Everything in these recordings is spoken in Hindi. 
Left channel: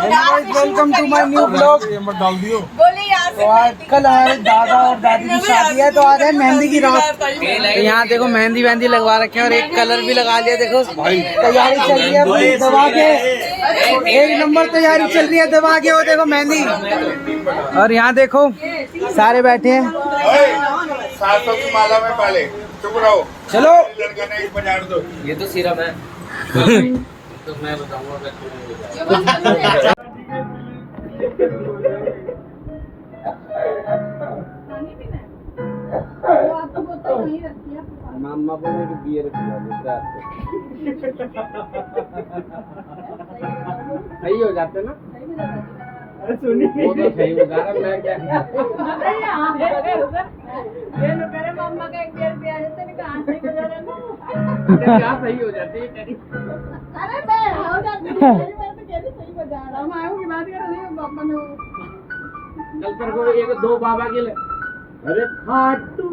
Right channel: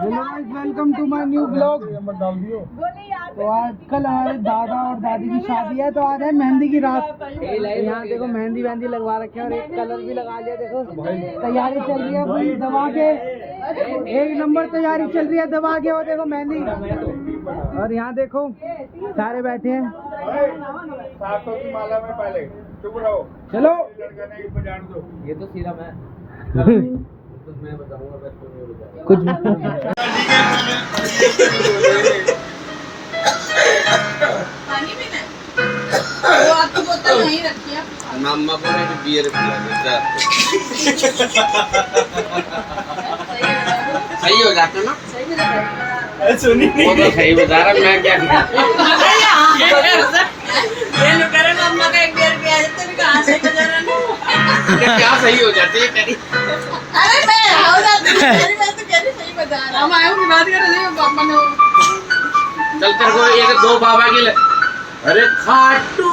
Welcome to my new blog. तो आज कल हमारे दादा और दादी की शादी है, तो आज है मेहंदी की रात। यहाँ देखो मेहंदी वहंदी लगवा रखे हैं और एक कलर भी लगा लिया। देखो तैयारी चल रही है पूरी दबा के, एक नंबर तैयारी चल रही है दबा के। वो देखो मेहंदी, और यहाँ देखो सारे बैठे हैं। 700 की माला में पहले चुप रहो। चलो लड़का ने एक बजा दो। ये तो सिरप है। तो मैं बताऊंगा पानी पीना है? वो आपकी बोतल नहीं रखी है। मामा को ने बियर पिला देता। सही हो जाता ना? सुनी वो तो सही बता रहा, मैं क्या ये लोग कह रहे मम्मा का एक बियर पिया देते हैं, कहाँ से बजा रहा है? क्या सही हो जाती है तेरी? अरे मैं हो जाती है, मैं तो कह रही सही बजा रहा। हम आए की बात कर रहे हैं, पापा ने चल तेरे को एक दो बाबा के लिए। अरे खाटू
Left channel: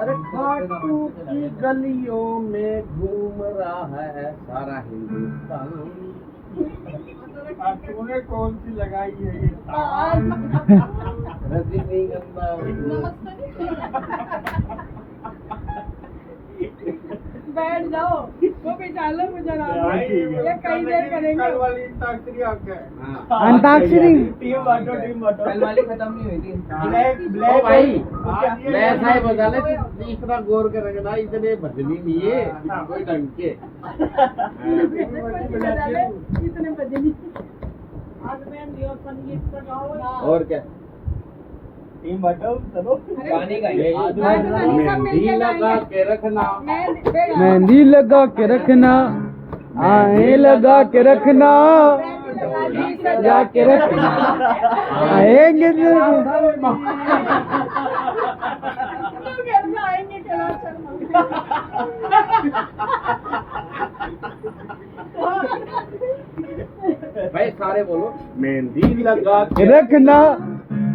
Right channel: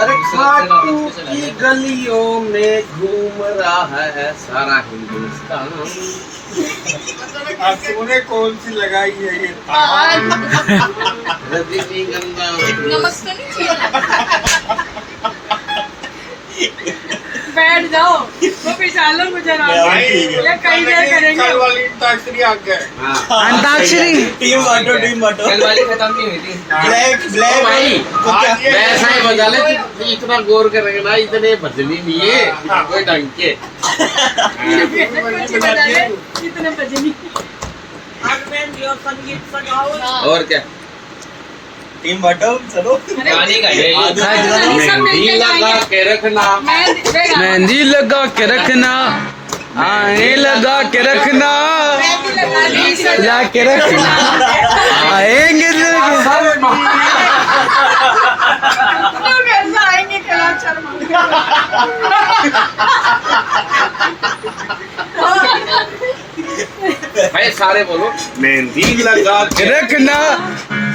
अरे खाटू की गलियों में घूम रहा है सारा हिंदुस्तान। तूने कौन सी लगाई है ये? रजनीगंधा। नमक तो नहीं चाहिए? बैठ जाओ, वो पिछालो मुझे ना ये कई देर करेंगे। कल वाली अंताक्षरी आ गए। अंताक्षरी टीम बांटो कल वाली खत्म नहीं हुई थी। ब्लैक ब्लैक भाई ऐसा ही बजा ले, इतना गौर करेंगे ना, इतने भजनी नहीं है कोई ढंग के। इतने बजे नहीं। और क्या टीम बांटो चलो। मेहंदी लगा के रखना, मेहंदी लगा के रखना, आए लगा के रखना, लगा के रखना, आएंगे आएंगे कला भाई सारे बोलो। मेहंदी लगा के रखना,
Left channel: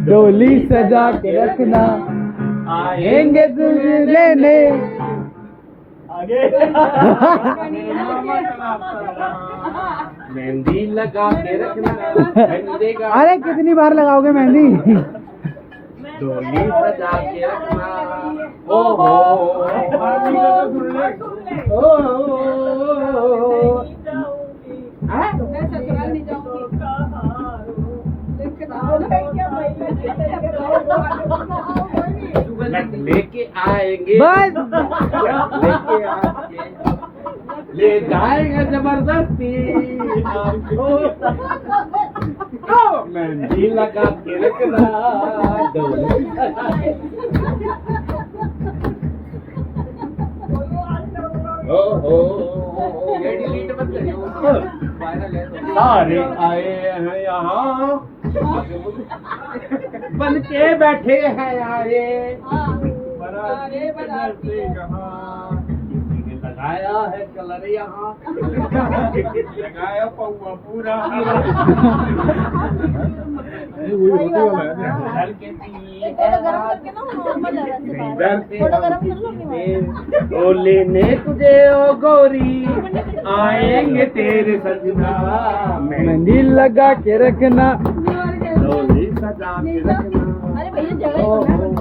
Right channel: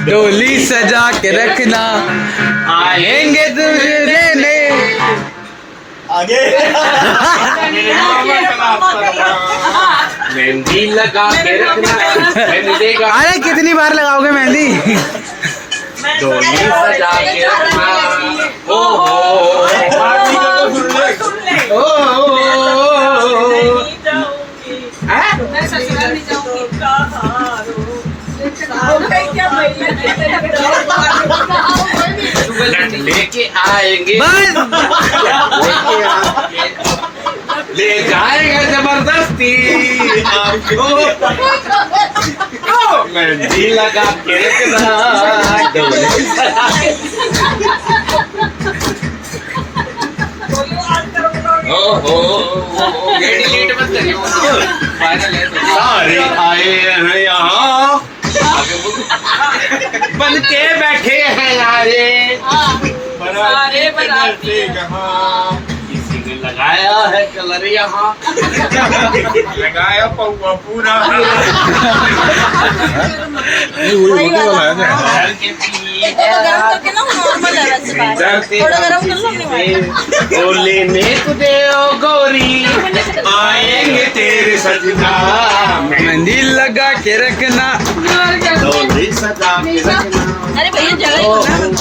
डोली सजा के रखना, आएंगे तुझे लेने। आगे मेहंदी लगा के रखना, मेहंदी का अरे कितनी बार लगाओगे मेहंदी? डोली सजा के रखना। ओ हो लेके आएंगे, बस ले जाएगा जबरदस्ती आपको। मेहंदी लगा के रखना, डिलीट मत करियो, फाइनल है तो। सारे आए हैं यहाँ, बन के बैठे हैं यारे, सारे बराती कहाँ किसी ने लगाया है कलर यहाँ, लगाया पौवा पूरा घर के पीछे। गरम करके ना नॉर्मल है वैसे बाहर। थोड़ा गरम कर लो अपनी ओ लेने तुझे ओ गोरी, आएंगे तेरे सजना। मेहंदी लगा के रखना, डोली सजा के रखना। अरे भैया जगह ही बना।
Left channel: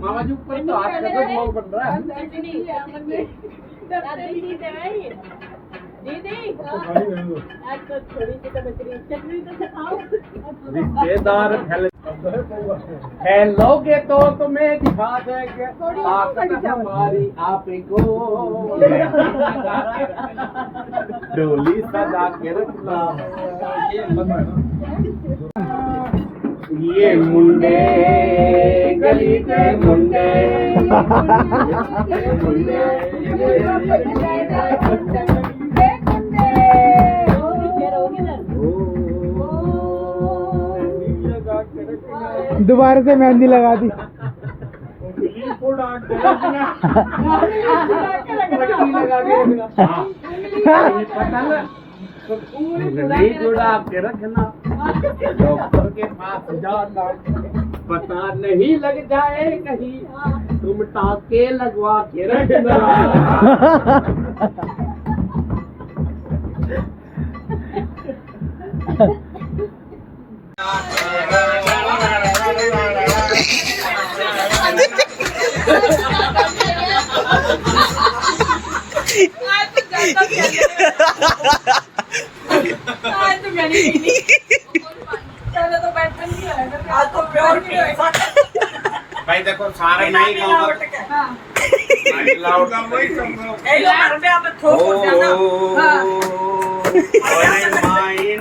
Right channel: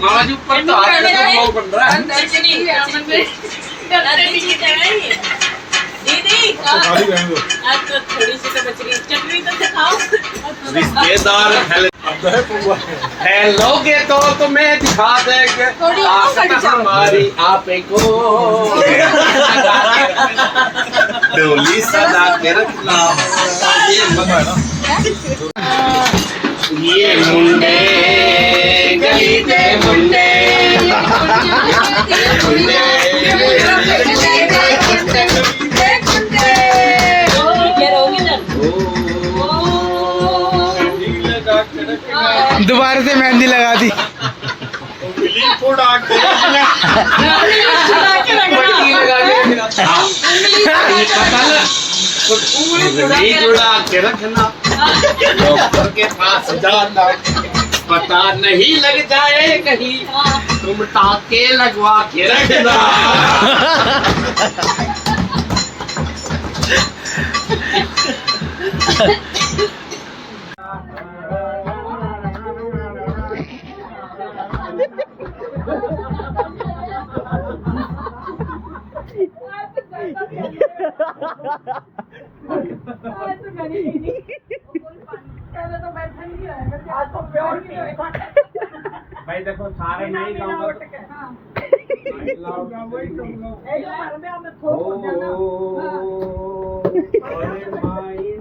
मामा जी ऊपर तो हाथ लगा तो बन रहा है। दीदी आज तो थोड़ी सी तो बच रही, चटनी तो दिखाओ। रिश्तेदार हेलोगे तो तुम्हें दिखा देंगे ताकत हमारी आपे को। डोली सजा के रखना। ये मुंडे गली के मुंडे, दोबारा से मेहंदी लगा दी। जुड़ा के रखना, डॉक्टर के पास जाना, पता नहीं लग जाए कहीं, तुम टाके लगवा के रखना। आज तो मैंने पीनी। पहले तो बैठन नहीं आया, आज तो प्योर की भाई देखो सारे नहीं गाऊंगा। हाँ। नहीं लाऊंगा वही कहूंगा। ए लो घर पे आप थोक हो जाना। हाँ। अरे माइन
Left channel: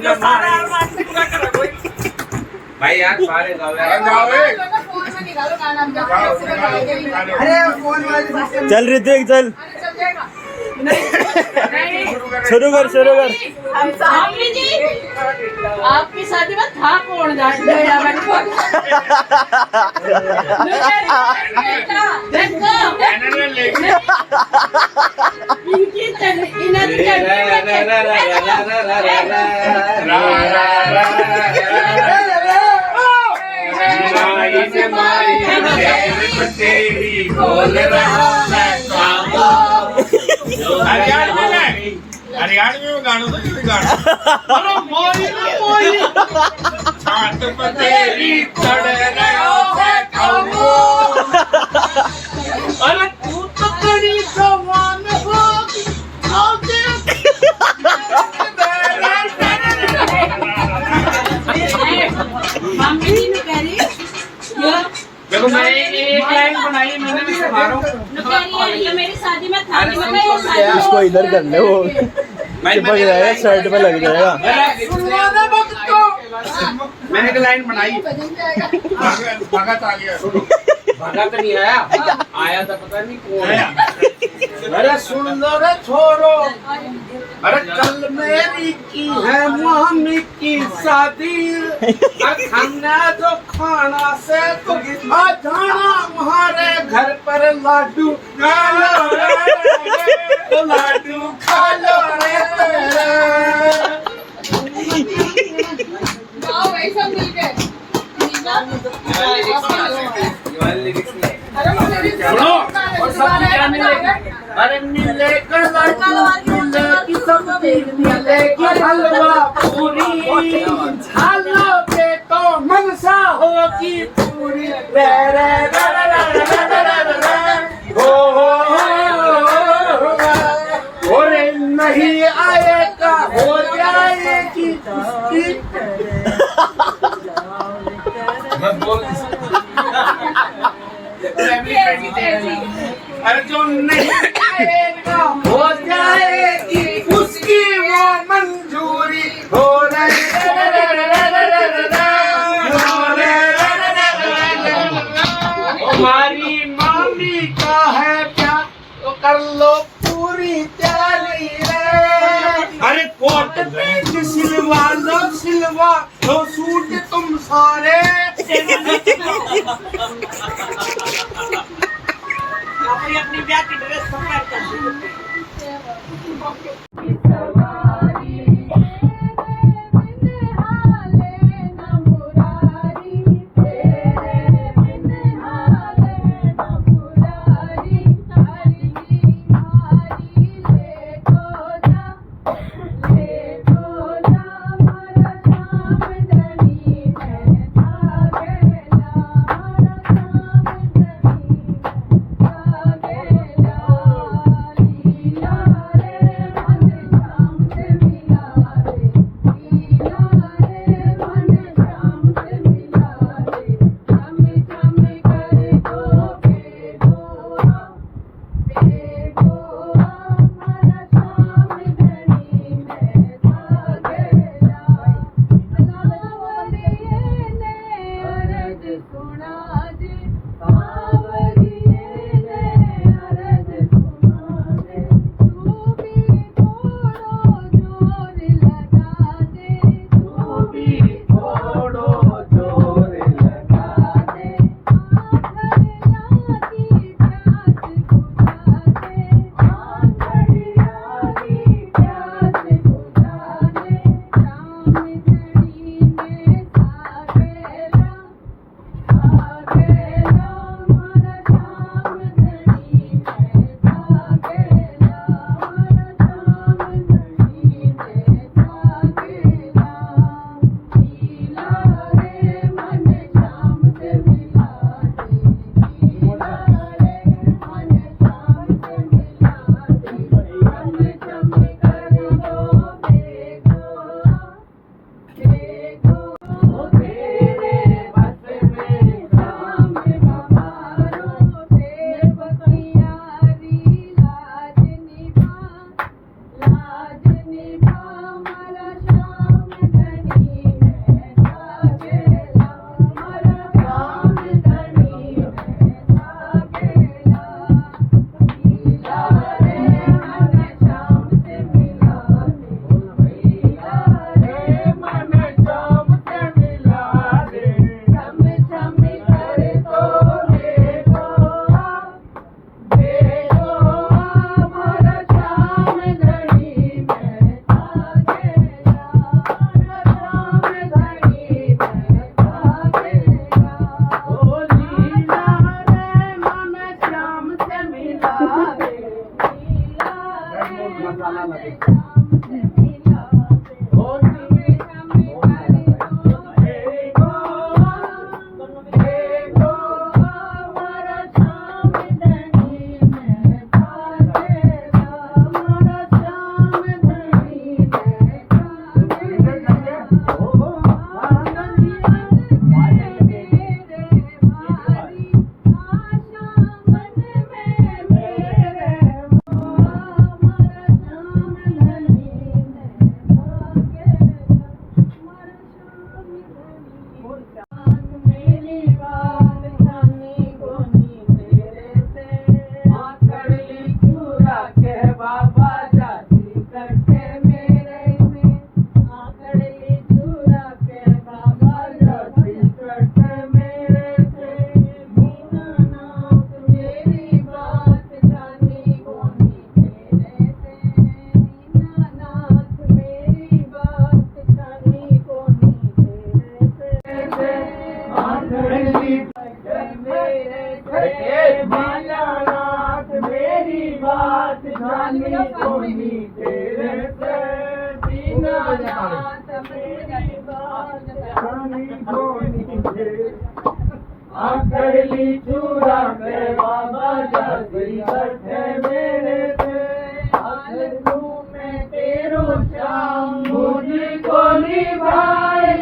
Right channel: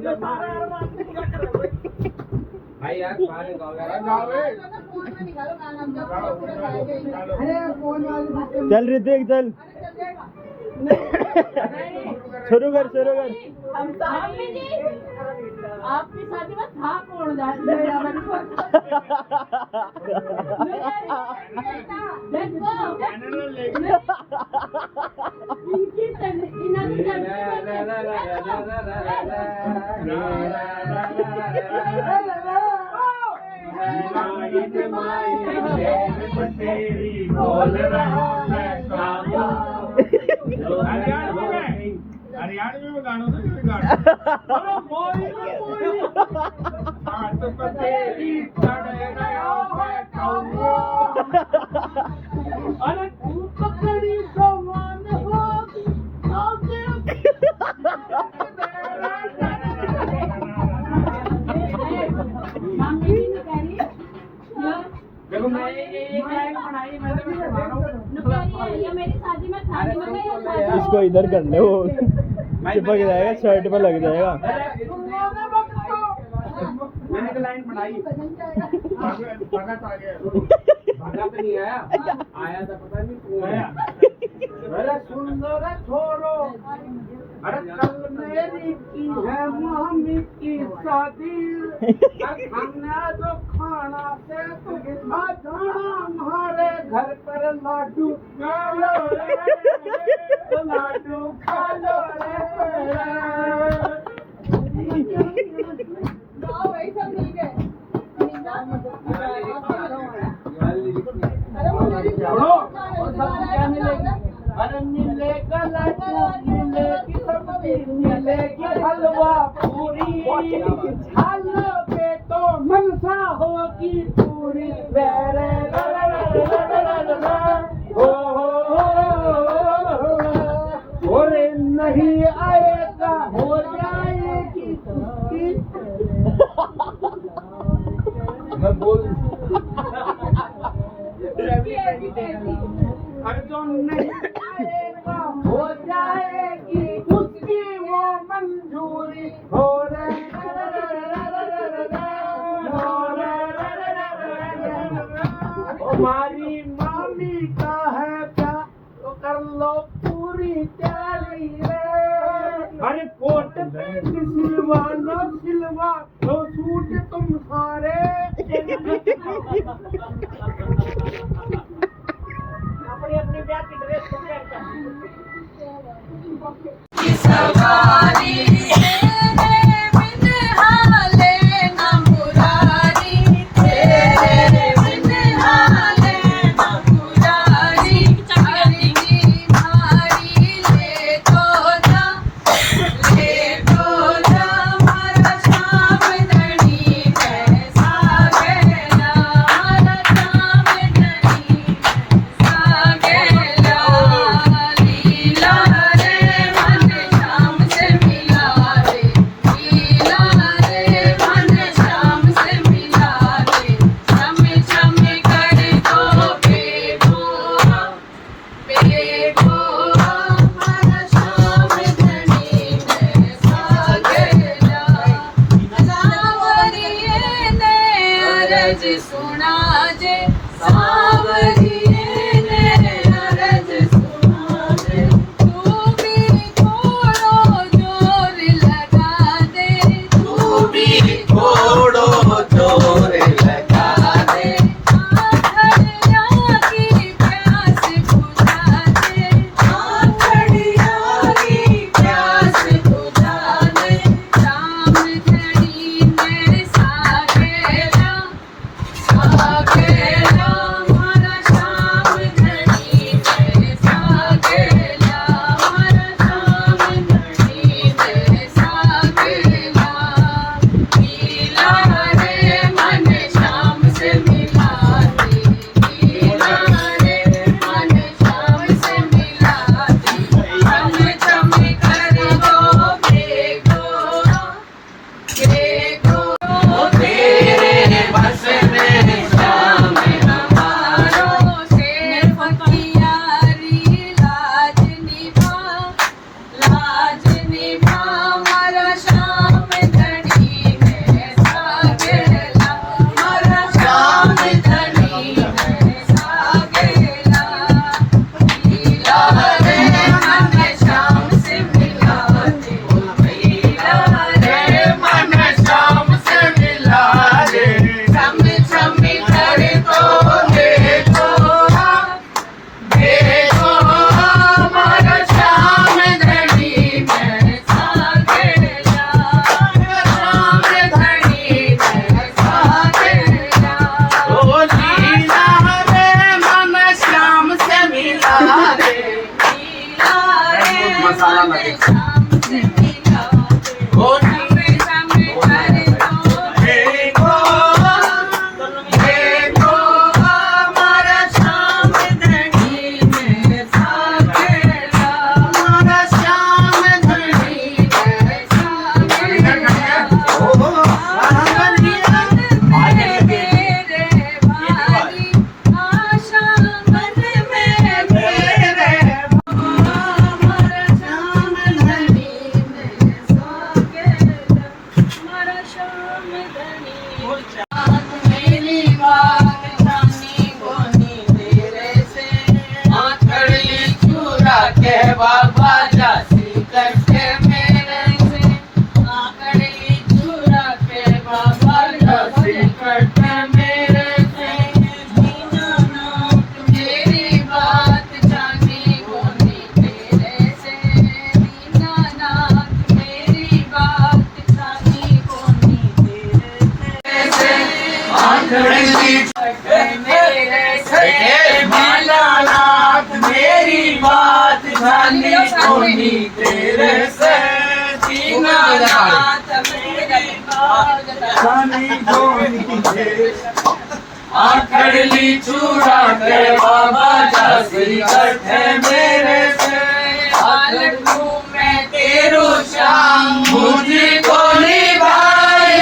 भाई यार सारे गाओ फोन में निकालो गाना हम कैसे लगाएंगे। अरे फोन वाली सिस्टम चल ऋतिक चल, अरे चल जाएगा। नहीं शुरू कर। हम सामने जी आपकी शादी में था कौन जाएगा बैठो। देखो इनकी तेरी बोल रहा हरियाणवी में गाना तो ये गाना अरे मोई छात पर तेरी चढ़ रहा है कौनो अरे तू तो बड़ी जवान हो मम्मी जी ने कह रही देखो मैं एक लाइन बनाई मैंने भी मारो ये मेरी शादी में था नहीं मैं इसको इधर कर ले, वो चिपक जाएगा शर्ट पे लग जाएगा। मैंने एक लाइन बनाई भगत आ गया भगत नहीं आया था पता नहीं कौन। अरे सुन लो रे छोरो, अरे कल मेरी की है मामी की शादी, खाना जो खाना से तो आ जाना हमारे घर पर लाडू खा लो रे, लाडू खा लो रे। आओ ऐसा मिल गए सुनो और सब क्या मिलेगा? अरे मिलेगा मिलेगी सब्जी, मिलेगी हलवा पूरी, खालोगे तो मनसा होगी पूरी। रे रे रे रे रे रे रे हो रे नहीं आएगा हो जाएगी उसकी। मैं बोल अरे जो नहीं आएगा हो जाएगी उसकी वो मंजूरी। हो हमारी मामी का है क्या तो कर लो पूरी तैयारी रे। अरे कोट पे सिलवा लो सूट तुम सारे। अपनी ब्याह की ड्रेस कंपेयर कर सवारी तेरे बिन हाले न मुरारी, तेरे बिन हाले न मुरारी। हरी की भारी ले तो जा हमारा शाम धनी कैसा गया, हमारा शाम धनी कैसा गया। लीला रे मन शाम से मसाला ना दे। मेरी बात जानी कोनी तेरे से आखड़ली चूड़ा के बाबा जासी कट्ठे मेरे से हालत हूँ मैं तेरो श्याम मुझे को निभाए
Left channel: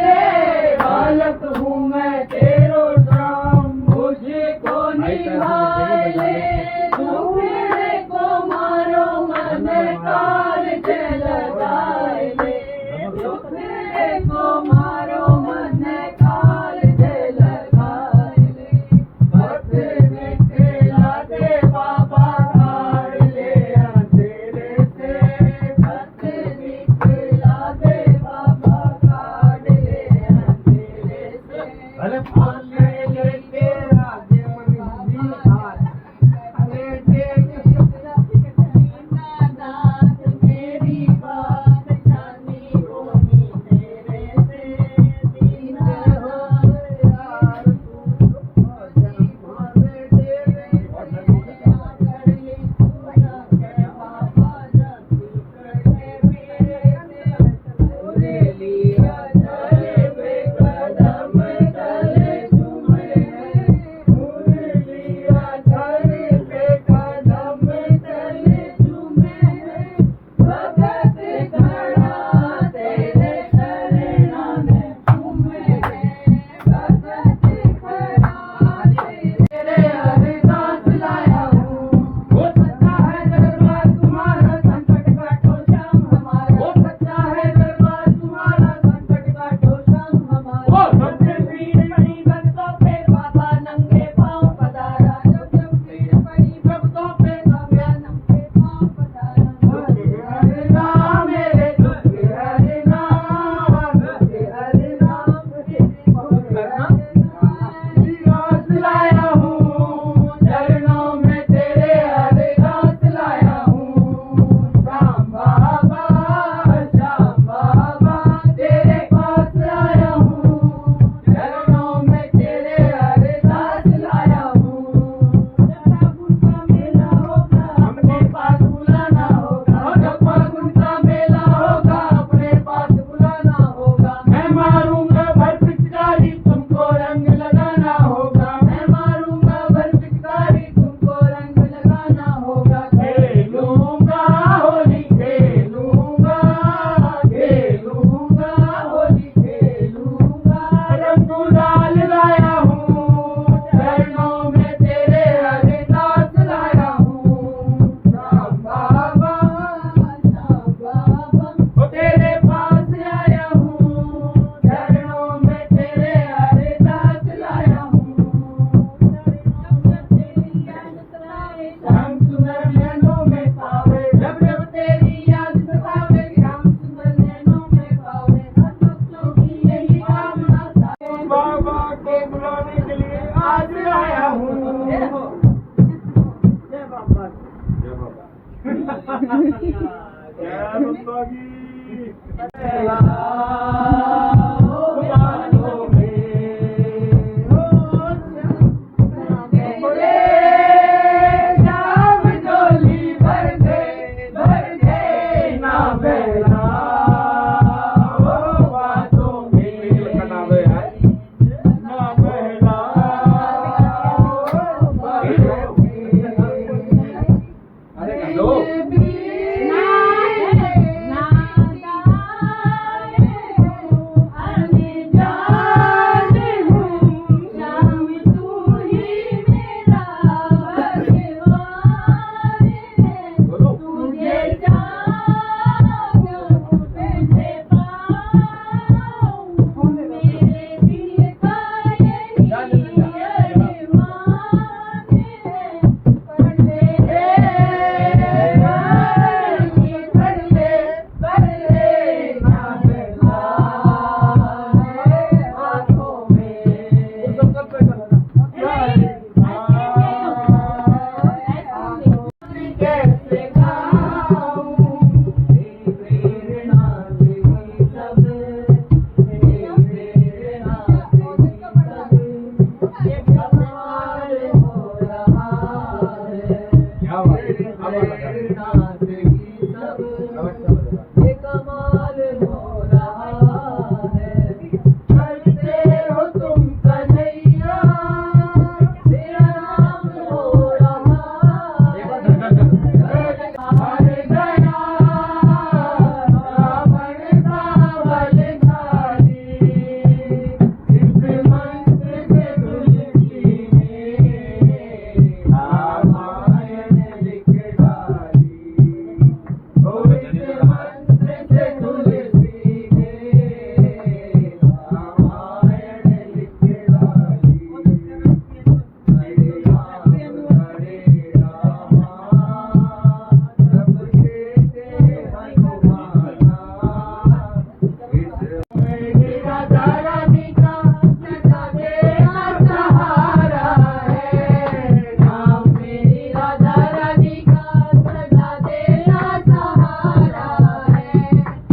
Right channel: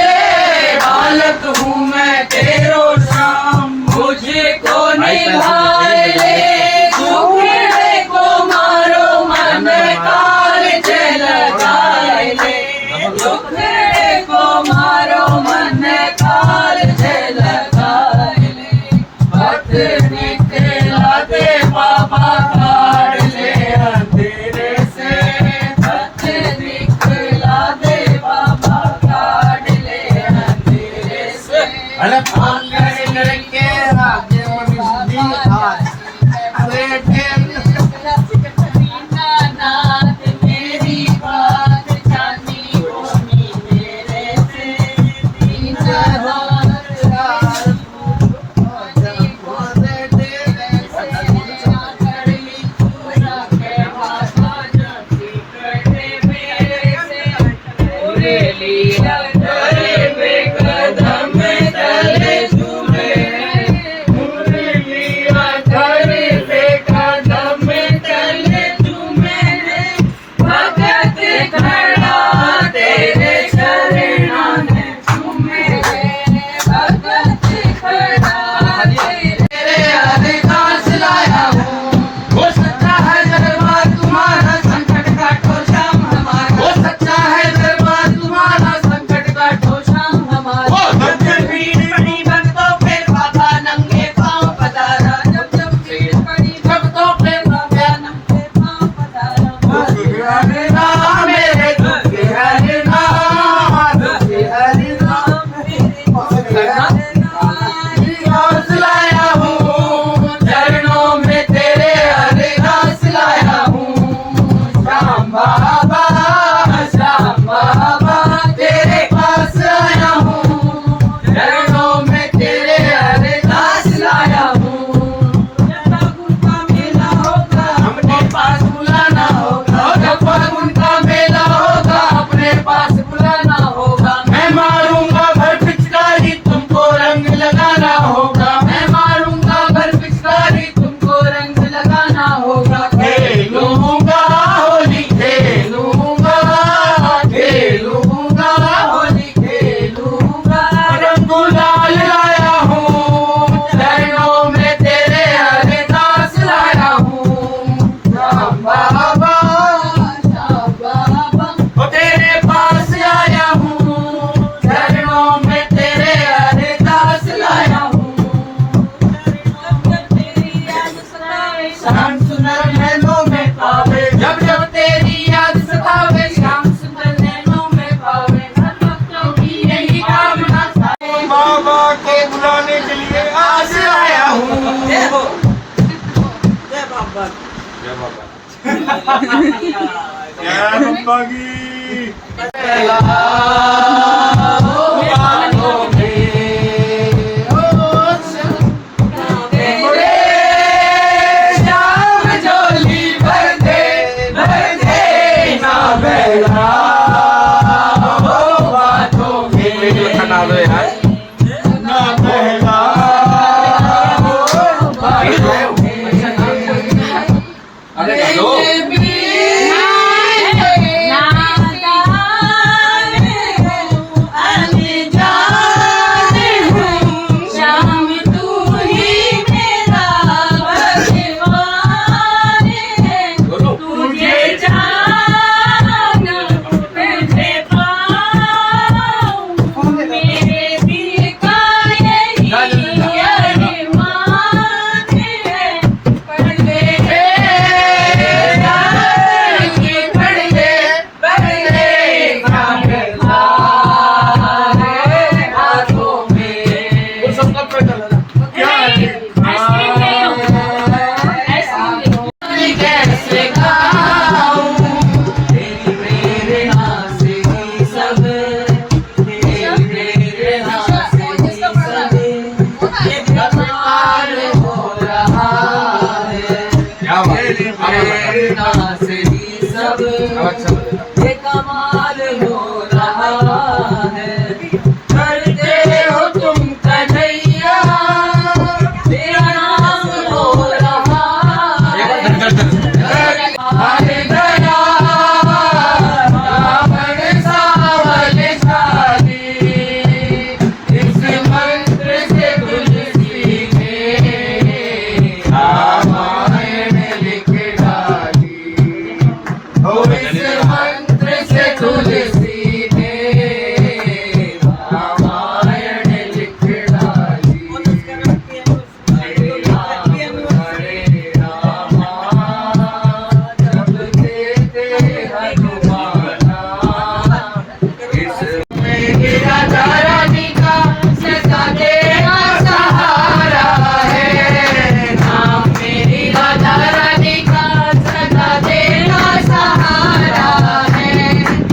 हालत हूँ मैं तेरो श्याम मुझे को निभाए दुखड़े को मारो मन काल चल जाए दुखड़े को मारो मन काल चल जाए भक्त निकला दे बाबा काढ़ ले अंधेरे से भक्त निकला दे बाबा काढ़ ले अंधेरे से लड़के राजे मनुष्य अरे नाथ मेरी बात जानी होनी तेरे से दीन श्याम जोली भर दे अब अच्छा लगेगा। ये कमाल हो रहा है, करते हो तुम कन्हैया, तेरा नाम हो रहा है। हाय दया रावण सावल शादी, इस मंत्र से तुलसी ने रामायण लिख डाली। ओ इस मंत्र से तुलसी ने रामायण लिख डाली। हरे राम जपते हनुमाना, इसमें राधा रानी का सदा तेरा सहारा है। नाम मेरी राधा रानी का सदा तेरा सहारा है।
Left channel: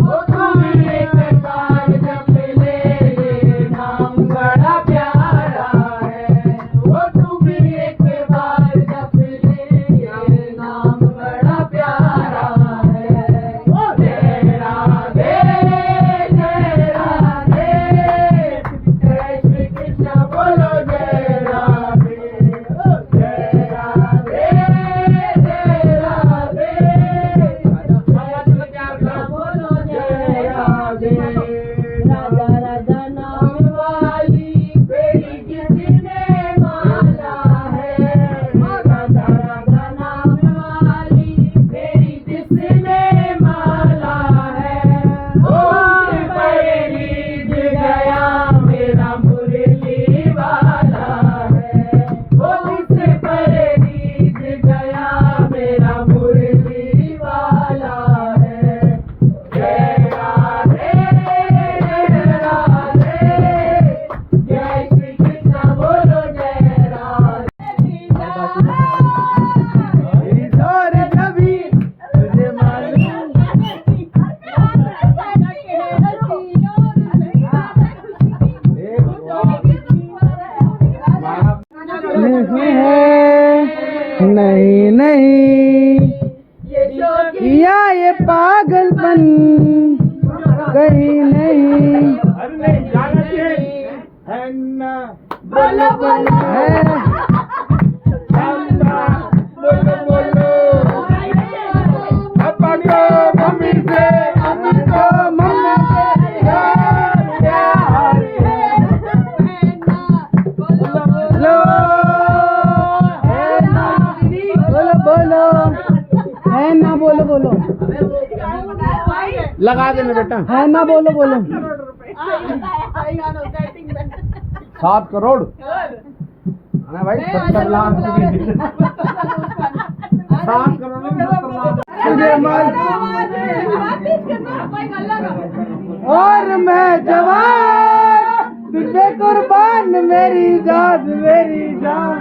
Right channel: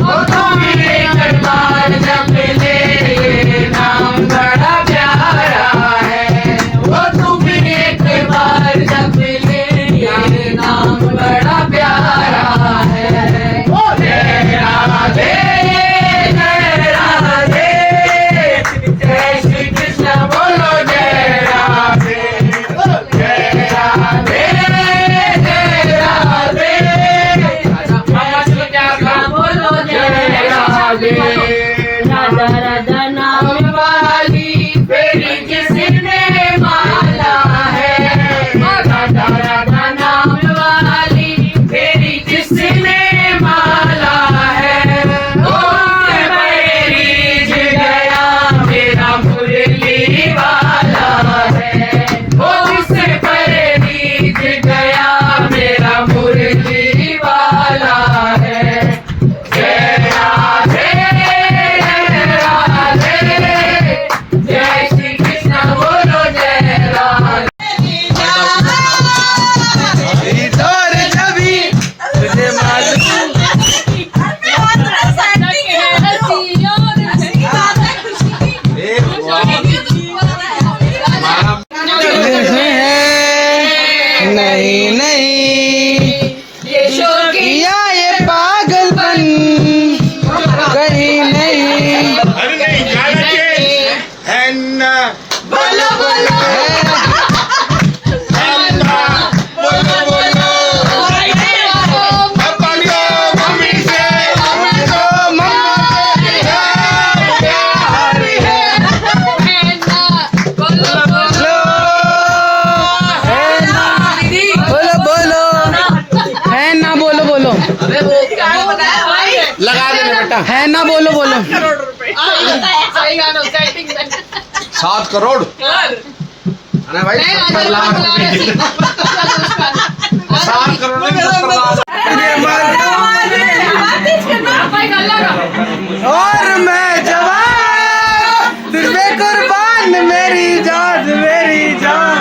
ओ तुम एक बार जप ले, ये नाम बड़ा प्यारा है। ओ तुम एक बार जप ले, ये नाम बड़ा प्यारा है। ओ जय राधे जय राधे, जय श्री कृष्ण बोलो जय राधे। ओ जय राधे जय राधे, बोलो जय राधे। राधा राधा नाम वाली फेरी किसने माला है। राधा राधा नाम वाली फेरी किसने माला है। उससे पैरीज गया मेरा मुरली वाला है। उससे पैरीज गया मेरा मुरली वाला है। जय राधे जय श्री कृष्ण बोलो जय राधे। और छवि तुझे मालूम नहीं नहीं या ये पागलपन कहीं नहीं अरे नहीं गाना चाहिए है ना। बोलो बोलो बोलो बोलो पकड़ो मम्मी से तो मम्मा प्यार है। बोलो बोलो बोलो है ना बोलो बोलो लगा देने बेटा। है ना बोलो बोलो 7 करोड़ अरे भाई 70 लाख रुपए। 7 करोड़ नहीं 70 लाख। और मैं जवान तुझ पे कुर्बान मेरी जान मेरी जान।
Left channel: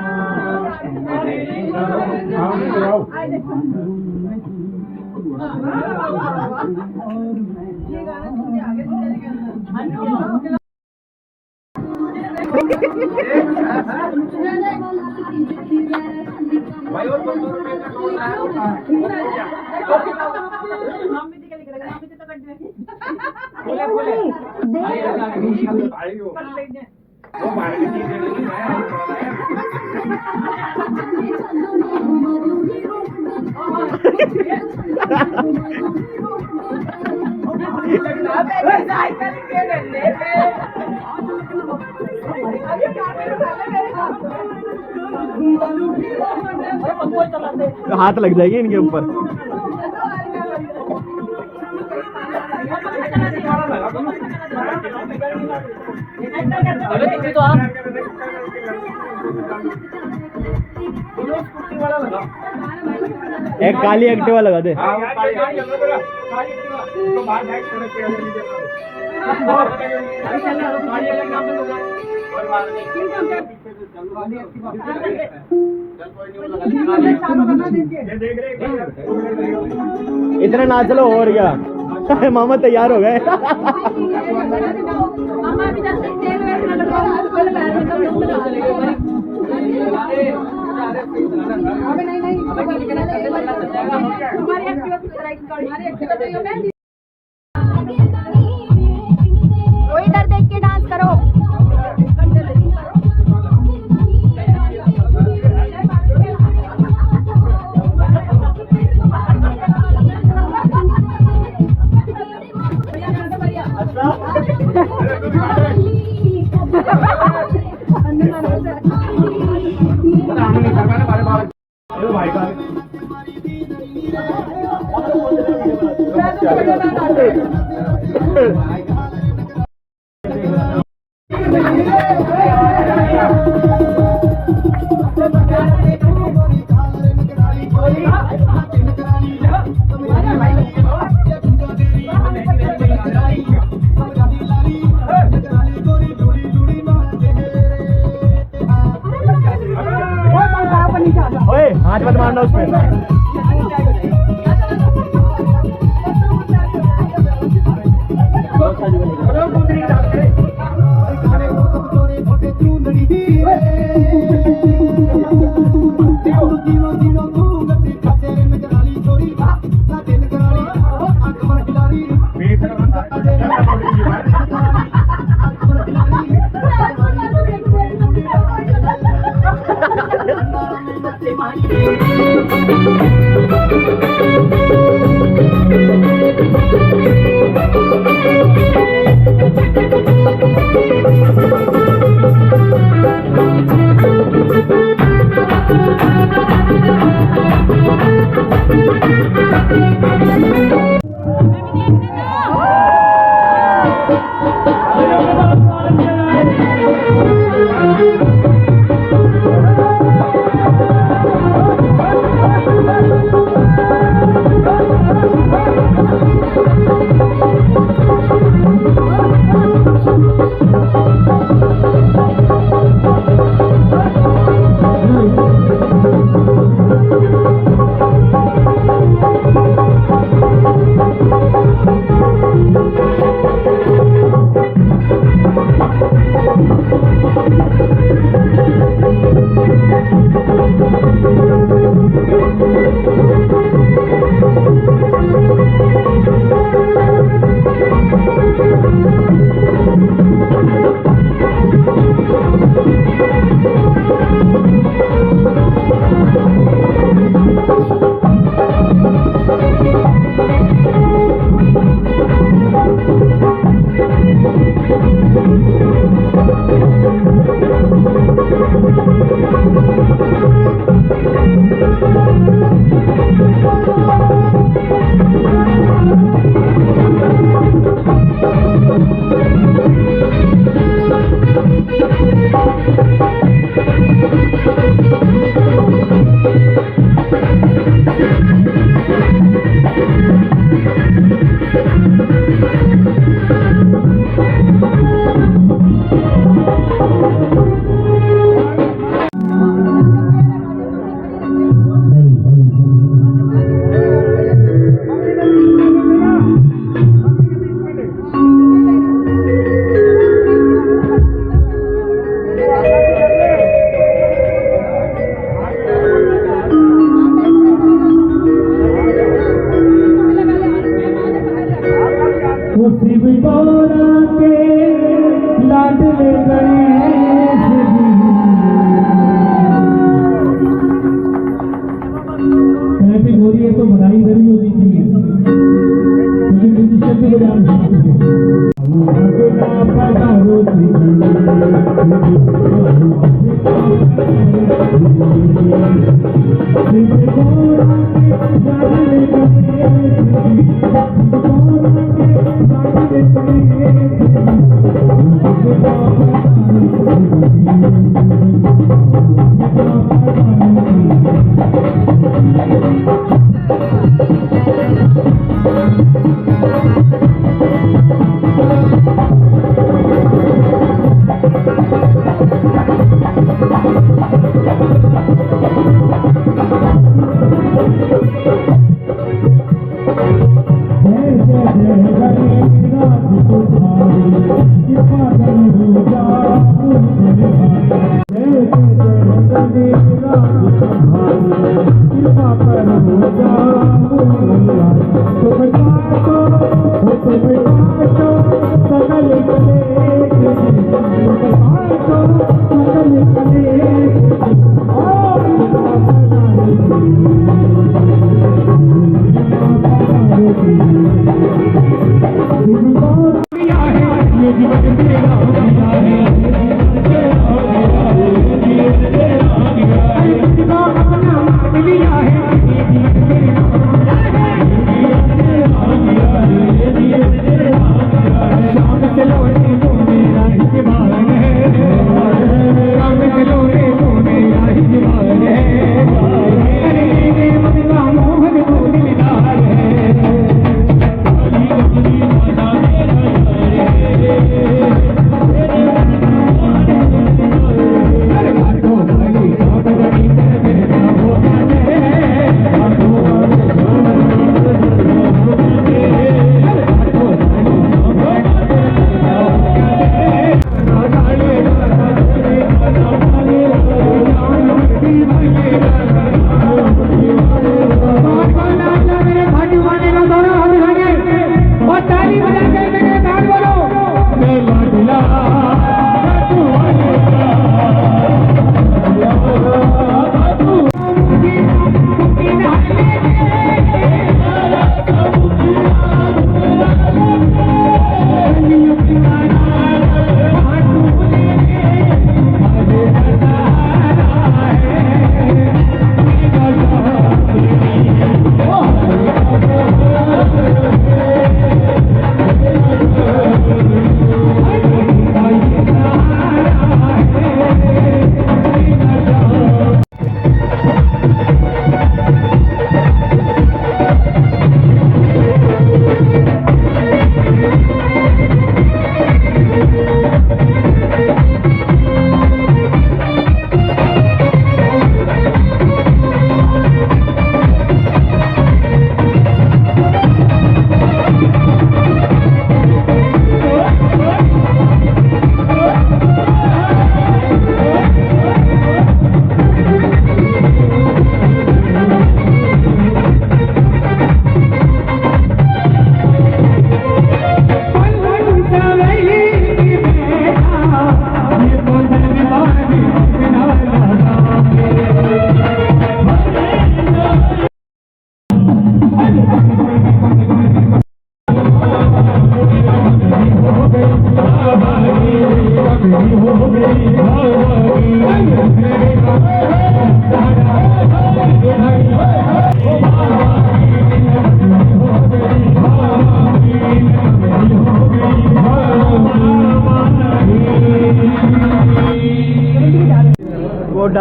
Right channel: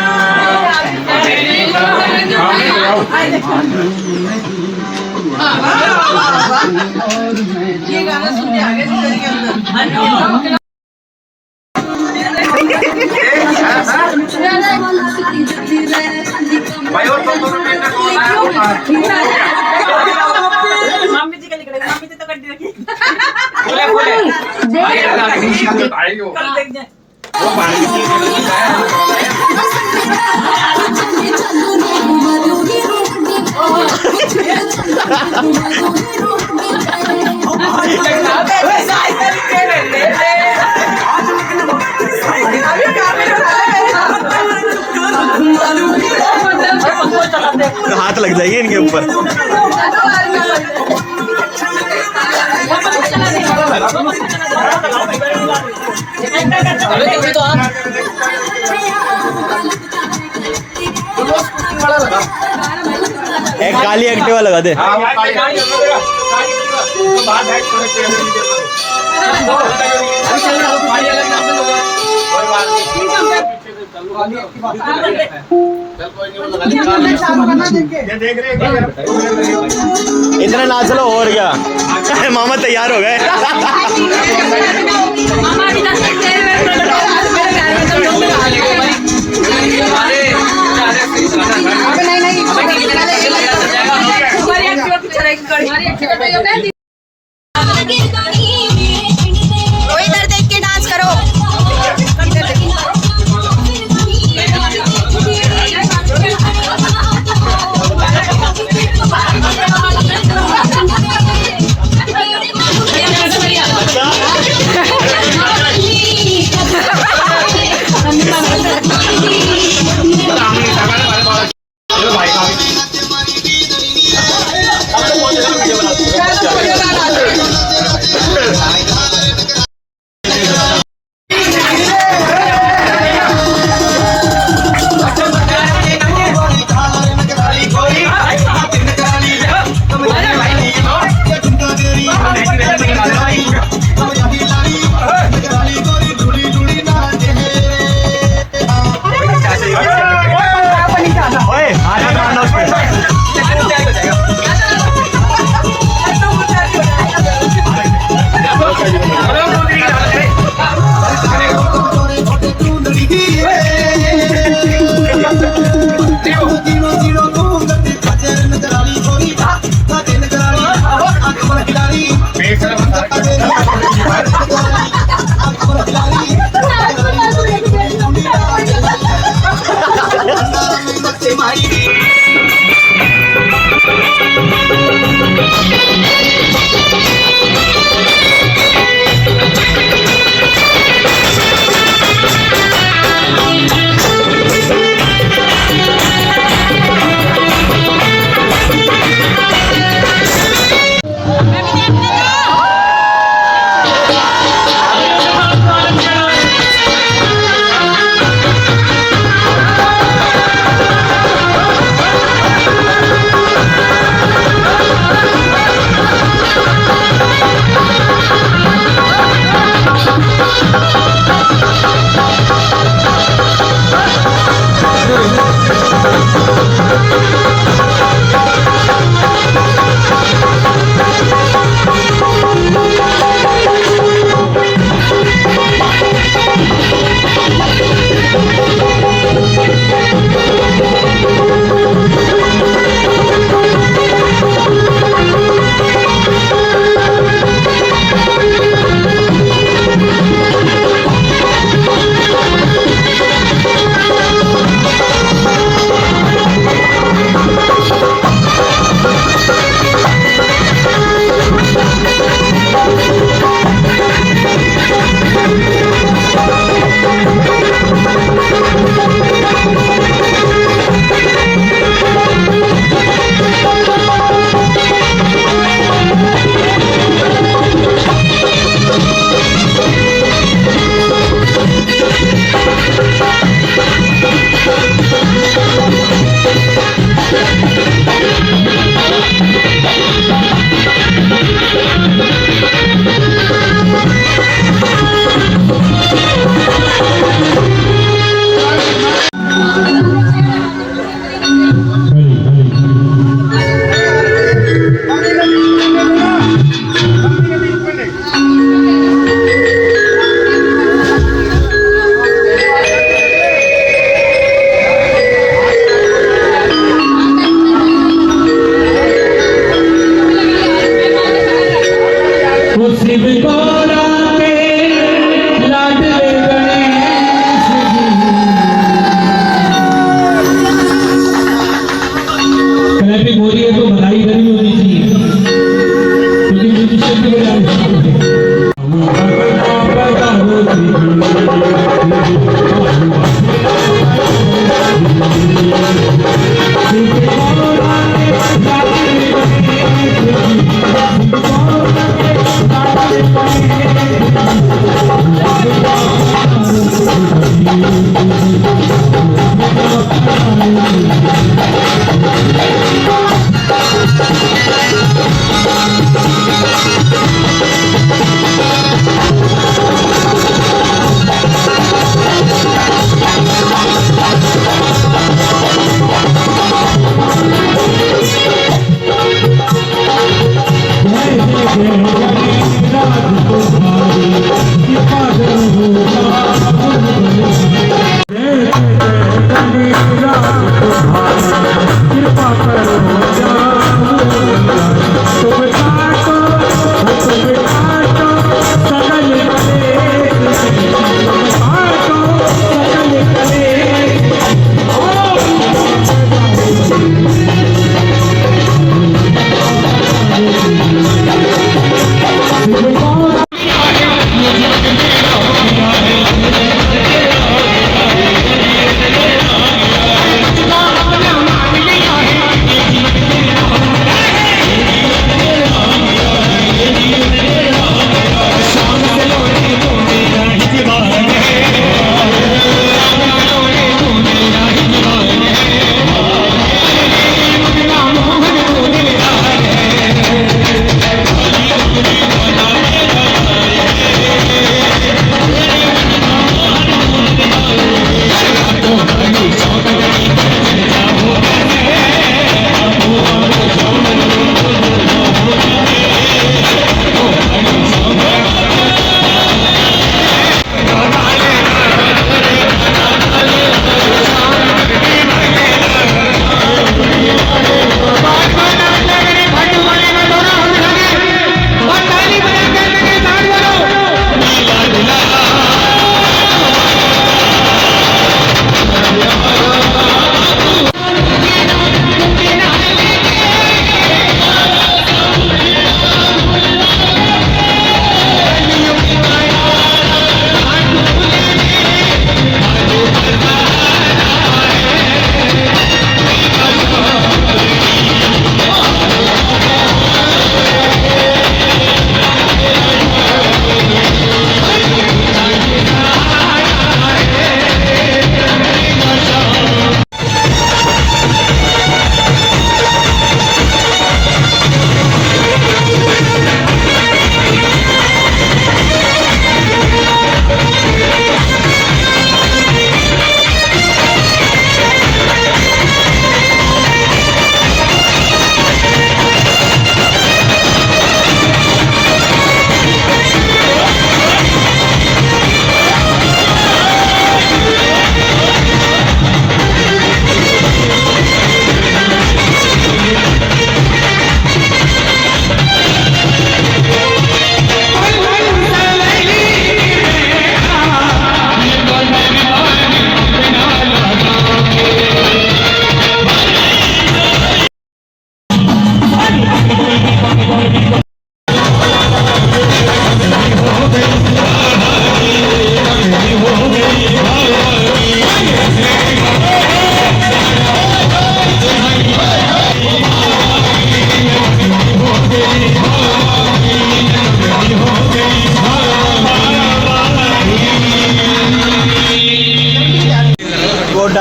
ये गाना सुन के आगे से के अंदर भाई और 2 रुपए का मम्मी जी का लिख रहे मम्मी जी तो कर दी बोले भाई हो कल देख जाए। वो पानी हाथ लग जाएगी इनके ऊपर। एक काली एक्टिवा लगा दे। हाँ वो काली तो बाहर बैठ थोड़े पेड़ नीचे देख रहे इतना नाच लो और क्या। मामा तैयार हो गए। हमारी एक्टिवा पीछे रहेगी। इधर देख के डांस करो। ओए हाथ मत मारना उस पे। तो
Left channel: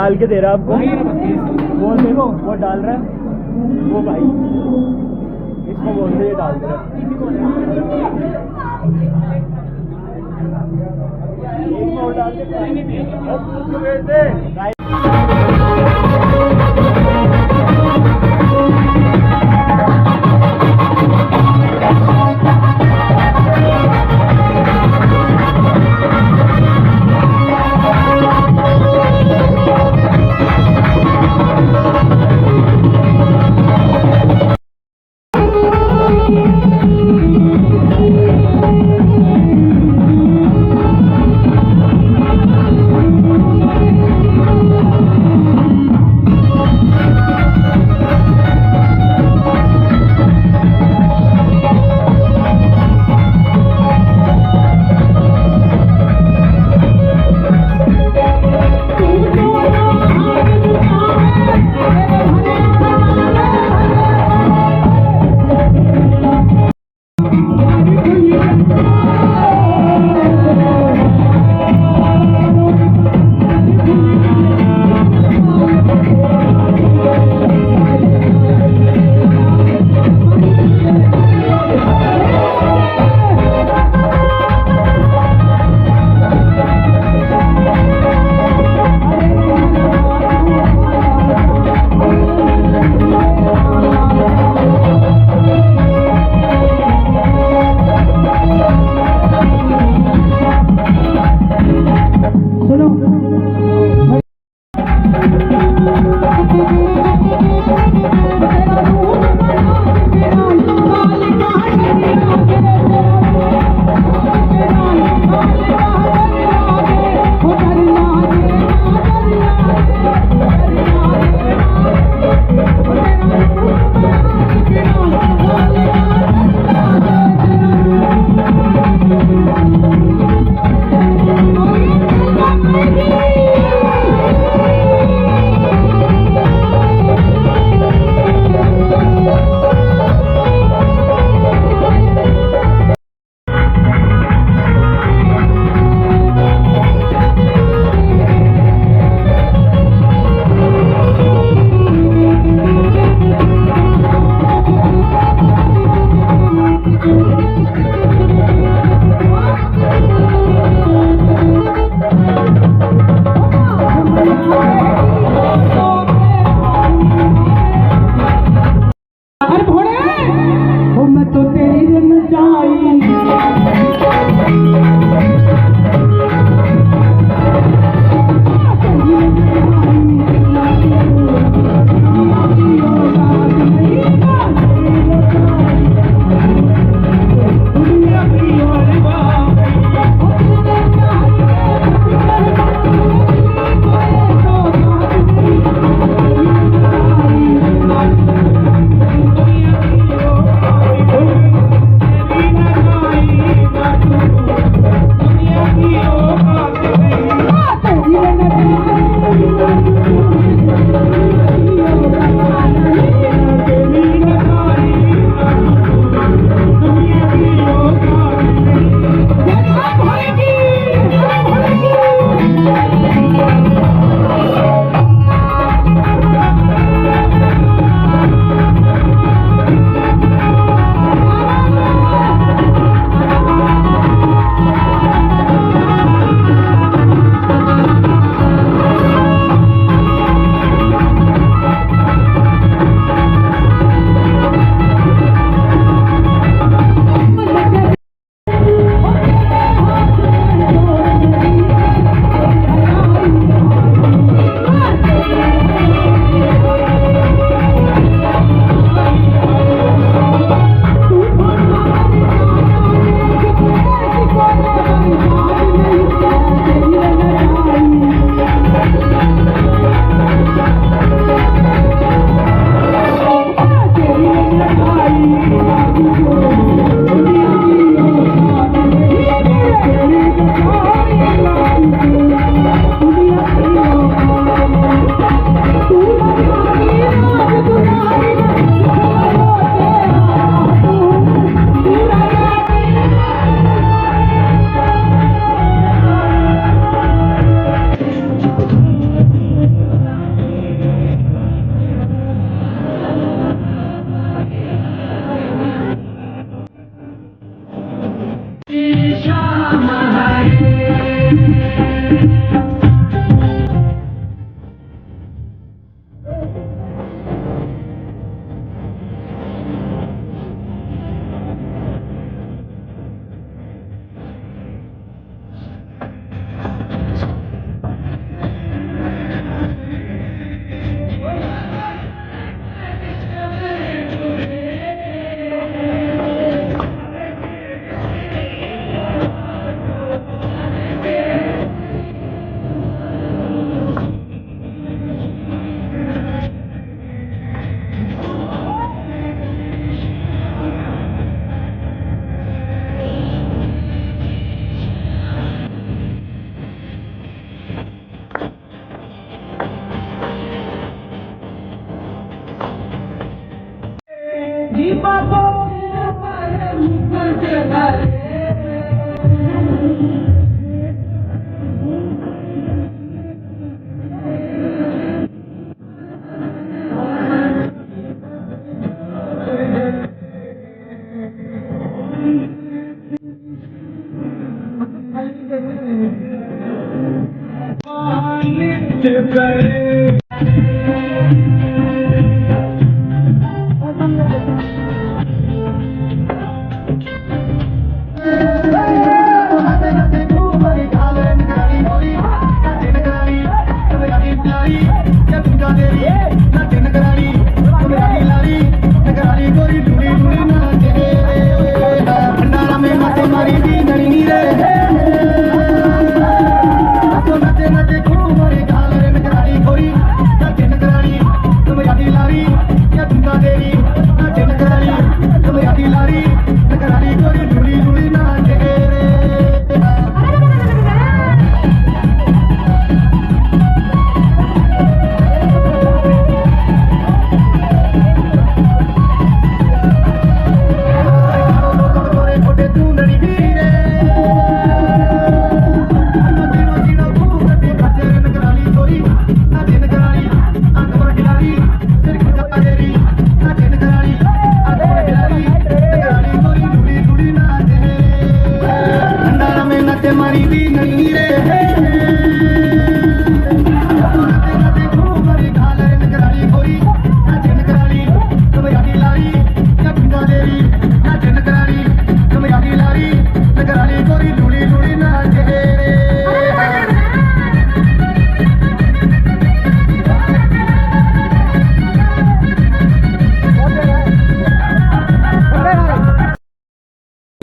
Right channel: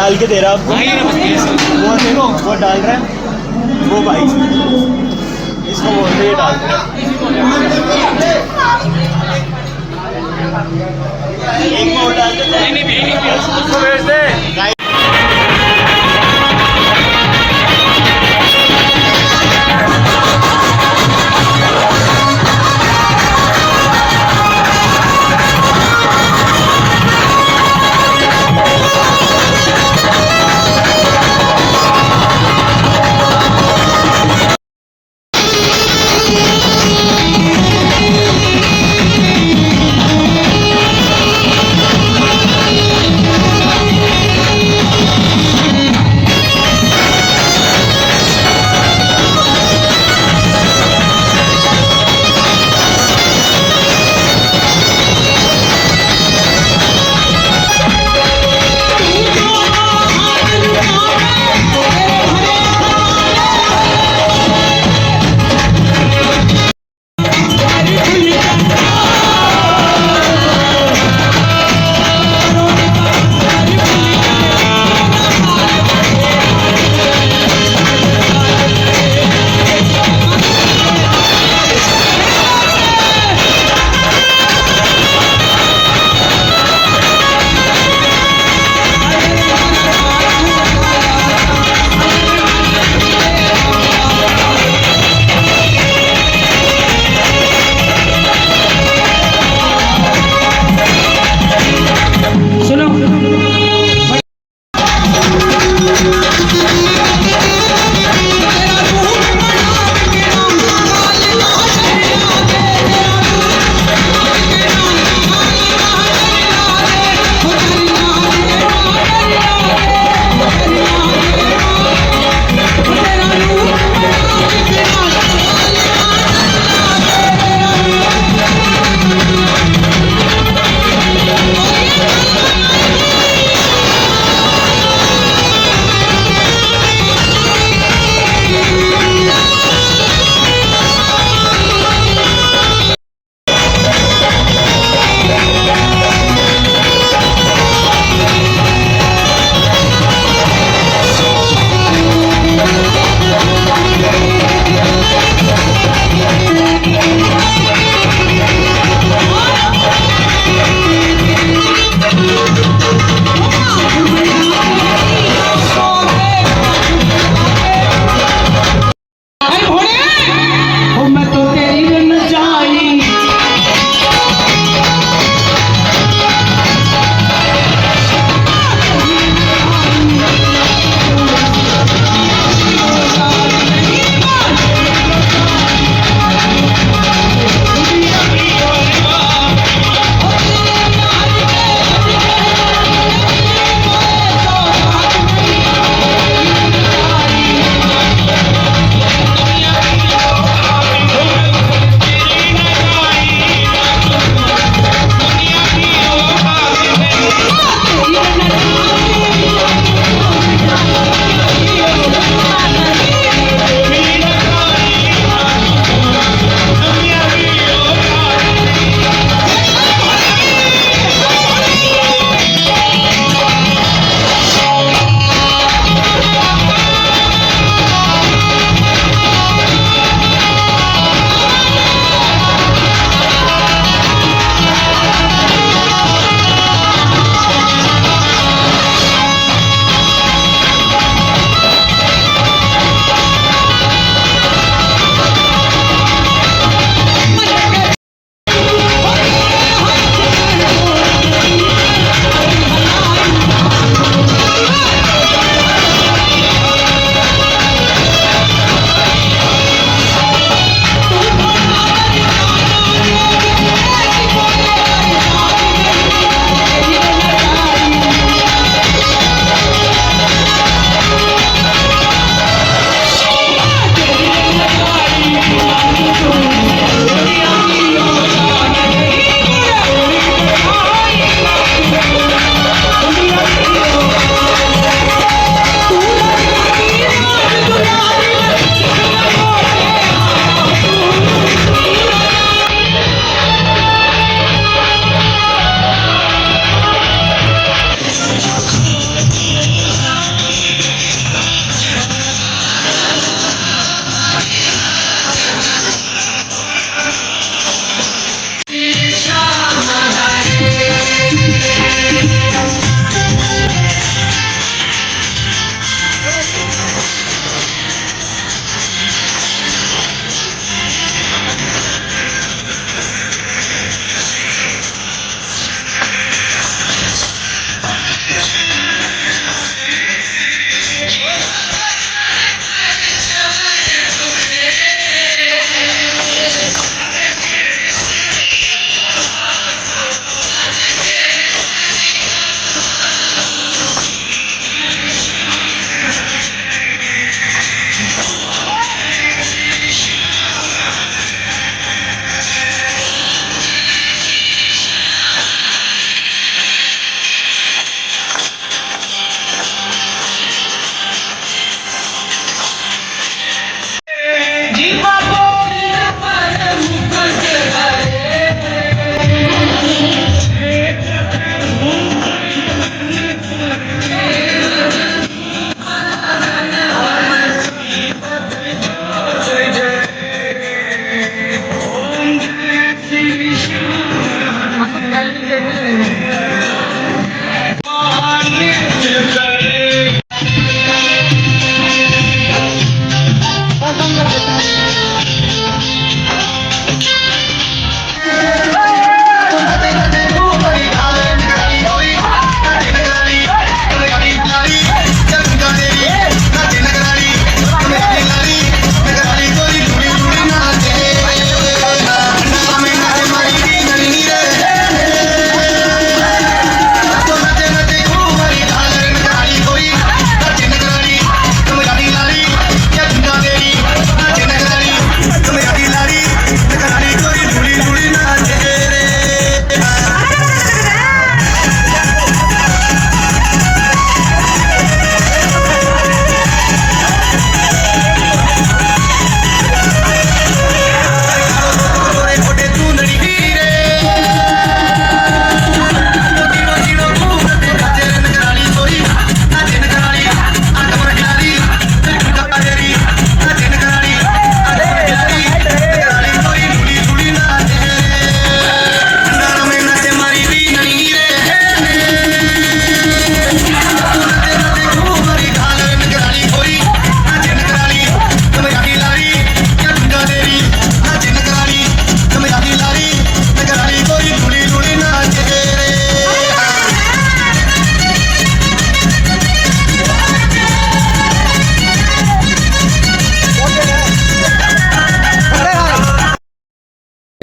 डाल के दे रहा है आपको। वो देखो वो डाल रहा है, वो भाई इसको बोलते ये डाल दे रहा है। एक में और डाल दे।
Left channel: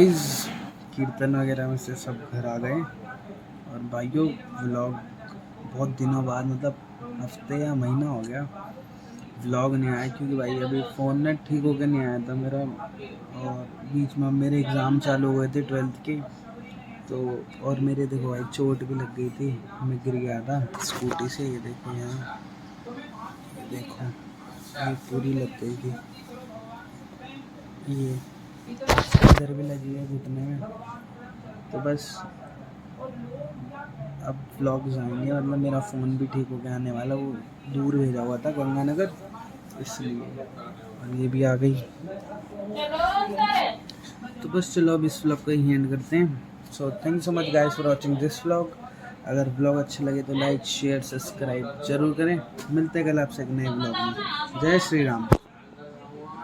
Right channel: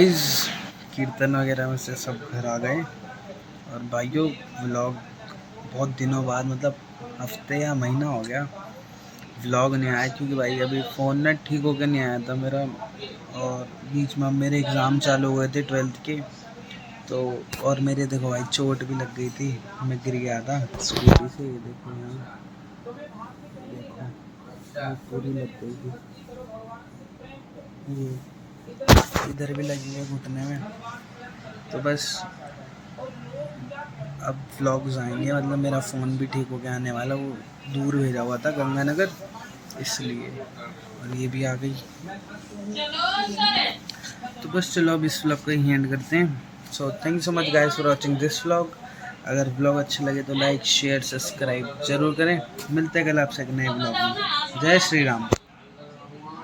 गाइस कीर्तन वगैरह में से सब घर आ गए और भाइयों व्लॉग बहुत दिनों बाद मतलब हफ्ते या महीना हो गया व्लॉग नहीं आया क्योंकि भाई अभी फ़ोन ना ठीक होकर नहीं आया था मेरा और बीच में मेरे एग्ज़ाम चालू हुए थे 12th के तो और मेरे देखो भाई चोट भी लग गई थी मैं गिर गया था स्कूटी से। ये देखो यहाँ देखो ये पूरी लग गई थी ये इधर भी लगी है घुटने में। तो बस अब व्लॉग्स आएंगे मतलब मेरा फ़ोन भी ठीक हो के आने वाला वो दूर भेजा हुआ था गंगानगर इसलिए और ये भी आ गई। तो बस चलो अब इस व्लॉग को ही एंड करते हैं। So thank you so much guys for watching this vlog. अगर व्लॉग अच्छे लगे तो लाइक शेयर सब्सक्राइब जरूर करें। मिलते हैं कल आपसे एक नए व्लॉग में। जय श्री राम।